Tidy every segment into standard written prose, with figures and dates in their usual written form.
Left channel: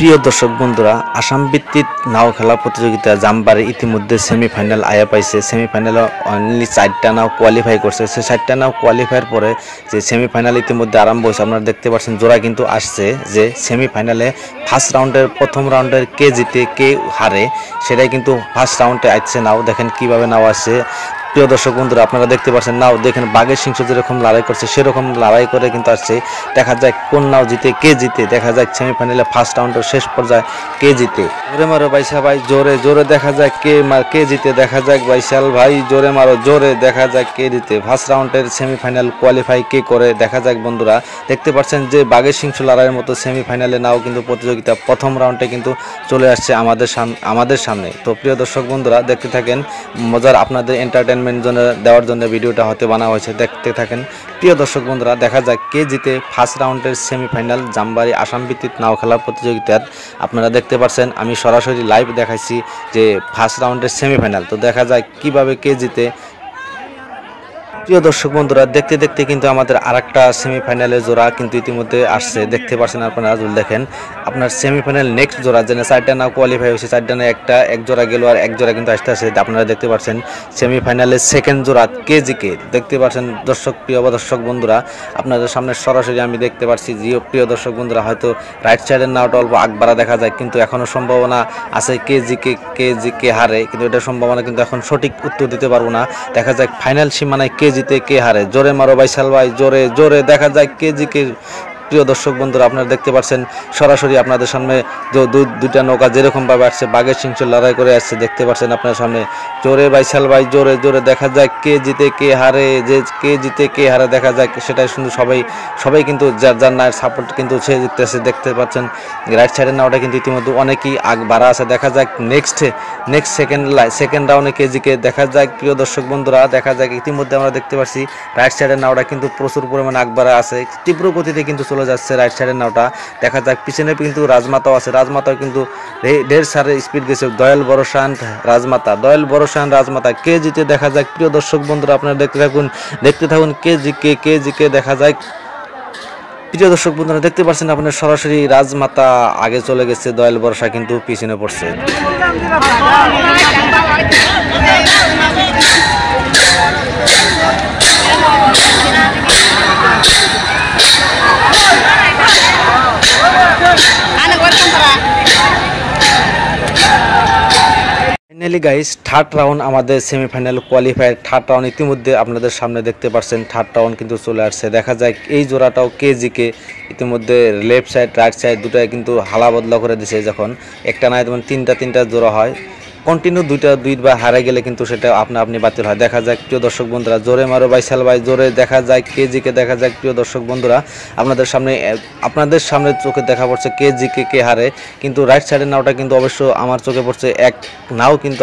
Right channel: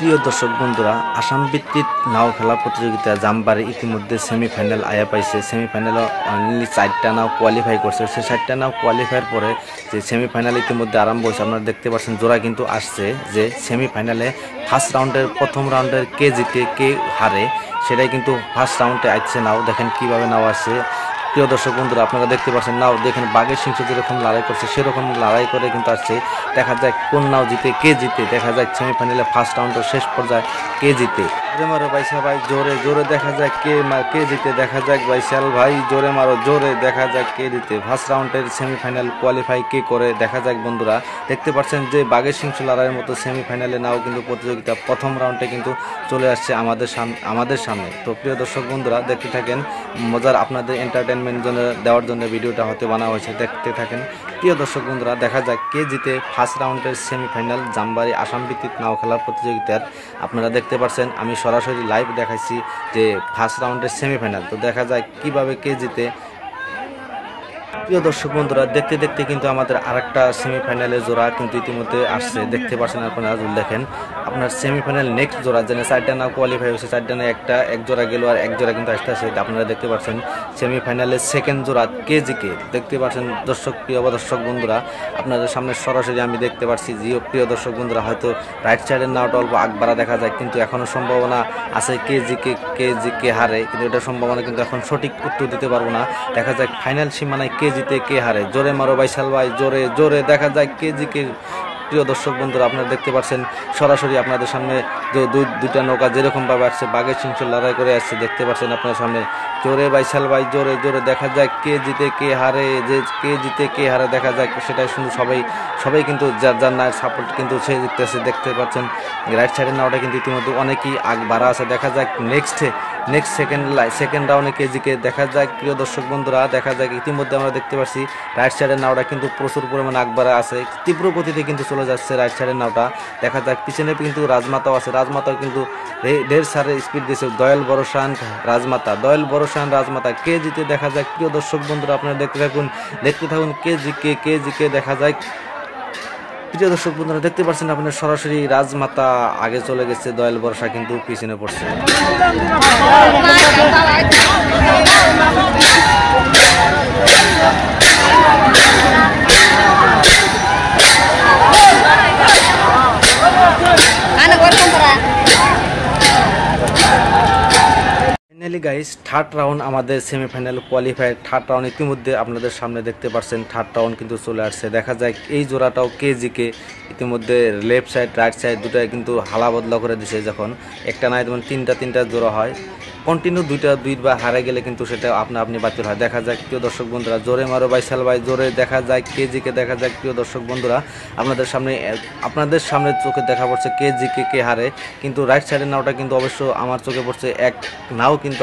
প্রিয় দর্শক বন্ধুরা, আসাম ভিত্তিক নাও খেলা প্রতিযোগিতা জামবারে ইতিমধ্যে সেমিফাইনাল আয়া পাইছে। সেমিফাইনালে অনলি 4টা নাও কোয়ালিফাই করছে। সেই 4টা নাও কোয়ালিফাইয়ের পরে যে সেমিফাইনাল ইতিমধ্যে আরম্ভ হয়েছে, আপনারা দেখতে পাচ্ছেন জোড়া কিন্তু আসছে যে সেমিফাইনালে ফার্স্ট রাউন্ডের প্রথম রাউন্ডের কে জিতে কে হারে সেটাই কিন্তু ফার্স্ট রাউন্ডে আসছে। নাও দেখেন কিভাবে নাও আসছে। প্রিয় দর্শক বন্ধুরা, আপনারা দেখতে পাচ্ছেন নাও দেখেন বাঘের সিংহ যেরকম লড়াই করছে সেরকম লড়াই করে কিন্তু আসছে। দেখা যাক কোন নাও জিতে কে জিতে। দেখা যাক সেমিফাইনালে ফার্স্ট রাউন্ডের শেষ পর্যায়ে কে জিতে। জোরে মারো বাইসা ভাই, জোরে জোরে দেখা যাক কে জিতে। দেখা যাক বাইশাল ভাই, জোরে মারো জোরে, দেখা যাক কে জিতে। ফার্স্ট রাউন্ডের সেমিফাইনাল কোয়ালিফাই কে করে দেখা যাক। বন্ধুরা দেখতে পাচ্ছেন যে বাঘের সিংহ লড়াইয়ের মতো সেমিফাইনালে নাও কিন্তু প্রতিযোগিতা প্রথম রাউন্ডে কিন্তু চলে আসছে আমাদের সামনে। তো প্রিয় দর্শক বন্ধুরা দেখতে থাকেন, মজার আপনাদের এন্টারটেনমেন্ট জন্য দেওয়ার জন্য ভিডিওটা হতে বানা হয়েছে, দেখতে থাকেন। প্রিয় দর্শক বন্ধুরা দেখা যাক কে জিতে ফার্স্ট রাউন্ডের সেমিফাইনাল জামবাড়ি আসাম ভিত্তিক নাও খেলা প্রতিযোগিতার। আপনারা দেখতে পাচ্ছেন আমি সরাসরি লাইভ দেখাইছি যে ফার্স্ট রাউন্ডের সেমিফাইনাল। তো দেখা যাক কিভাবে কে জিতে। প্রিয় দর্শক বন্ধুরা দেখতে দেখতে কিন্তু আমাদের আরেকটা সেমিফাইনালের জোড়া কিন্তু ইতিমধ্যে আসছে। দেখতে পাচ্ছেন আপনারা, দেখেন আপনার সেমিফাইনাল নেক্সট জোড়া যেন 4টা নাও কোয়ালিফাই হয়েছে, 4টা না এক জোড়া গেল আর এক জোড়া কিন্তু আসতে আসে। আপনারা দেখতে পাচ্ছেন সেমিফাইনালের সেকেন্ড জোড়া কে জিকে। দেখতে পাচ্ছেন প্রিয় দর্শক বন্ধুরা আপনাদের সামনে সরাসরি আমি দেখতে পাচ্ছি। প্রিয় দর্শক বন্ধুরা হয়তো রাইট সাইডের নাওটা অল্প আগবাড়া দেখা যায়, কিন্তু এখনও সম্ভাবনা আছে কে জিকে হারে, কিন্তু এটা সম্ভাবনা কিন্তু এখন সঠিক উত্তর দিতে পারবো না। দেখা যাক ফাইনাল সীমানায় কে জিতে কে হারে। জোরে মারো বাইশাল ভাই, জোরে জোরে দেখা যাক কে জিকে। প্রিয় দর্শক বন্ধুরা আপনারা দেখতে পাচ্ছেন সরাসরি আপনাদের সামনে যে দুইটা নৌকা যেরকমভাবে আসছে বাঘের সিংহ লড়াই করে আসছে, দেখতে পাচ্ছেন আপনার সামনে। জোরে বাইশাল ভাই, জোরে জোরে দেখা যাক কে জিতে কে হারে। যে কে জিতে কে হারে দেখা যাক সেটাই শুধু সবাই কিন্তু যার নায়ের সাপোর্ট কিন্তু সে জিততেছে। দেখতে পাচ্ছেন রাইট সাইডের নাওটা কিন্তু ইতিমধ্যে অনেকই আগ বাড়া আছে। দেখা যাক নেক্সট সেকেন্ড রাউন্ডে কে জিকে। দেখা যাক প্রিয় দর্শক বন্ধুরা দেখা যাক ইতিমধ্যে আমরা দেখতে পাচ্ছি রাইট সাইডের নাওটা কিন্তু প্রচুর পরিমাণে আগ বাড়া আছে, তীব্র গতিতে কিন্তু চলে যাচ্ছে রাইট সাইডের নাওটা। দেখা যাক পিছনে কিন্তু রাজমাতাও আছে, রাজমাতাও কিন্তু ঢের সারে স্পিড গেছে। দয়াল বড়শান রাজমাতা কে জিতে দেখা যাক। প্রিয় দর্শক বন্ধুরা আপনারা দেখতে থাকুন কে জিকে দেখা যাক। প্রিয় দর্শক বন্ধুরা দেখতে পাচ্ছেন আপনার সরাসরি রাজমাতা আগে চলে গেছে, দয়াল বর্ষা কিন্তু পিছনে পড়ছে। ফাইনালি গাইস থার্ড রাউন্ড আমাদের সেমিফাইনাল কোয়ালিফায়ার থার্ড রাউন্ড ইতিমধ্যে আপনাদের সামনে দেখতে পাচ্ছেন। থার্ড রাউন্ড কিন্তু চলে আসছে। দেখা যায় এই জোড়াটাও কে জিকে। ইতিমধ্যে লেফট সাইড রাইট সাইড দুটাই কিন্তু হালা বদলা করে দিছে। যখন একটা নাই যেমন তিনটা জোড়া হয় কন্টিনিউ দুইবার হারে গেলে কিন্তু সেটা আপনি বাতিল হয়। দেখা যাক প্রিয় দর্শক বন্ধুরা, জোরে মারো বাইশাল ভাই, জোরে দেখা যায় কে জিকে। দেখা যাক প্রিয় দর্শক বন্ধুরা আপনাদের সামনে চোখে দেখা পড়ছে কে জিকে কে হারে, কিন্তু রাইট সাইডের নাওটা কিন্তু অবশ্য আমার চোখে পড়ছে এক নাও কিন্তু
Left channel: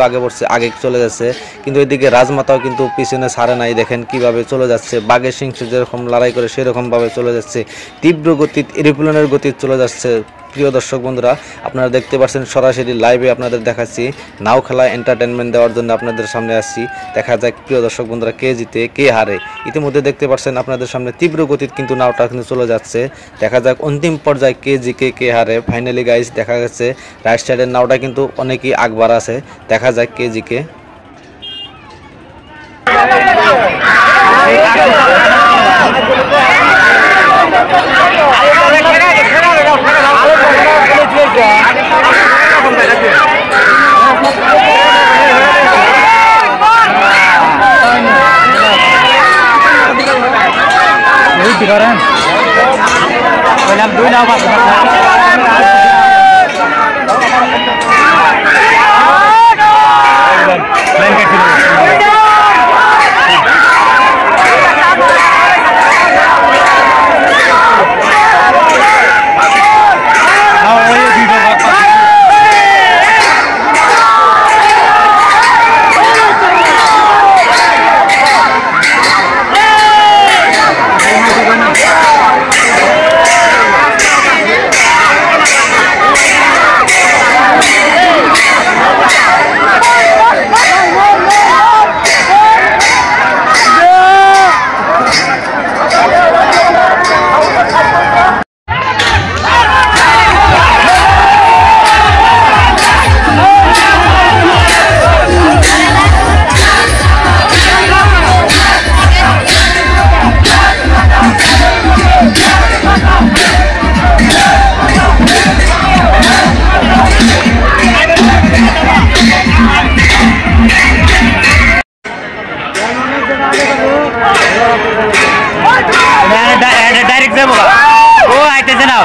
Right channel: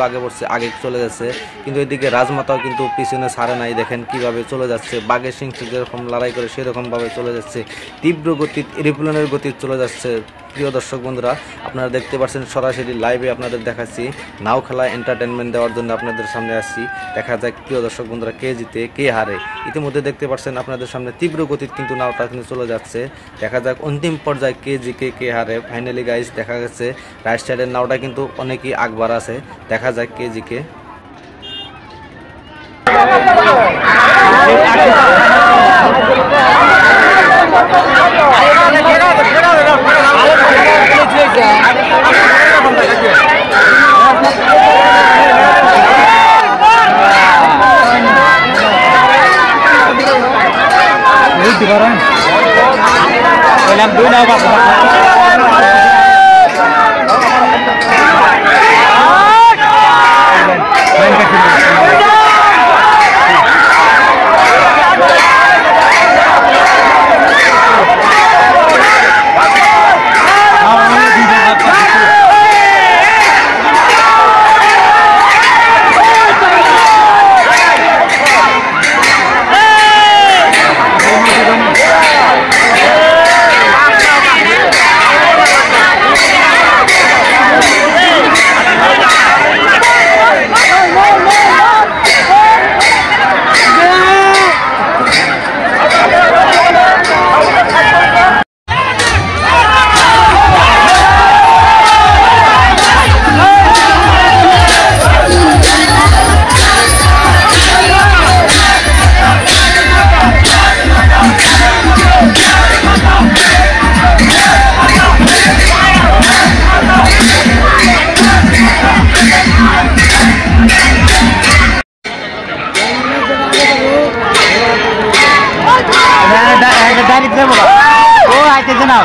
আগে চলে যাচ্ছে, কিন্তু এদিকে রাজমাতাও কিন্তু পিছনে ছাড়ে নাই। দেখেন কিভাবে চলে যাচ্ছে, বাঘের সিংহ যেরকম লড়াই করে সেরকমভাবে চলে যাচ্ছে, তীব্র গতি এরোপ্লেনের গতি চলে যাচ্ছে। প্রিয় দর্শক বন্ধুরা আপনারা দেখতে পাচ্ছেন সরাসরি লাইভে আপনাদের দেখাচ্ছি, নাও খেলা এন্টারটেনমেন্ট দেওয়ার জন্য আপনাদের সামনে আসছি। দেখা যাক প্রিয় দর্শক বন্ধুরা কে জিতে কে হারে। ইতিমধ্যে দেখতে পাচ্ছেন আপনাদের সামনে তীব্র গতির কিন্তু নাওটা কিন্তু চলে যাচ্ছে। দেখা যাক অন্তিম পর্যায়ে কে জিকে কে হারে। ফাইনালি গাইস দেখা যাচ্ছে রাইট সাইডের নাওটা কিন্তু অনেকই আগবার আছে। দেখা যাক কে GK. keren. Dalam dunia Pak. Main ke sini. এটা ডাইরেক্ট যাবো ও আইতেছে না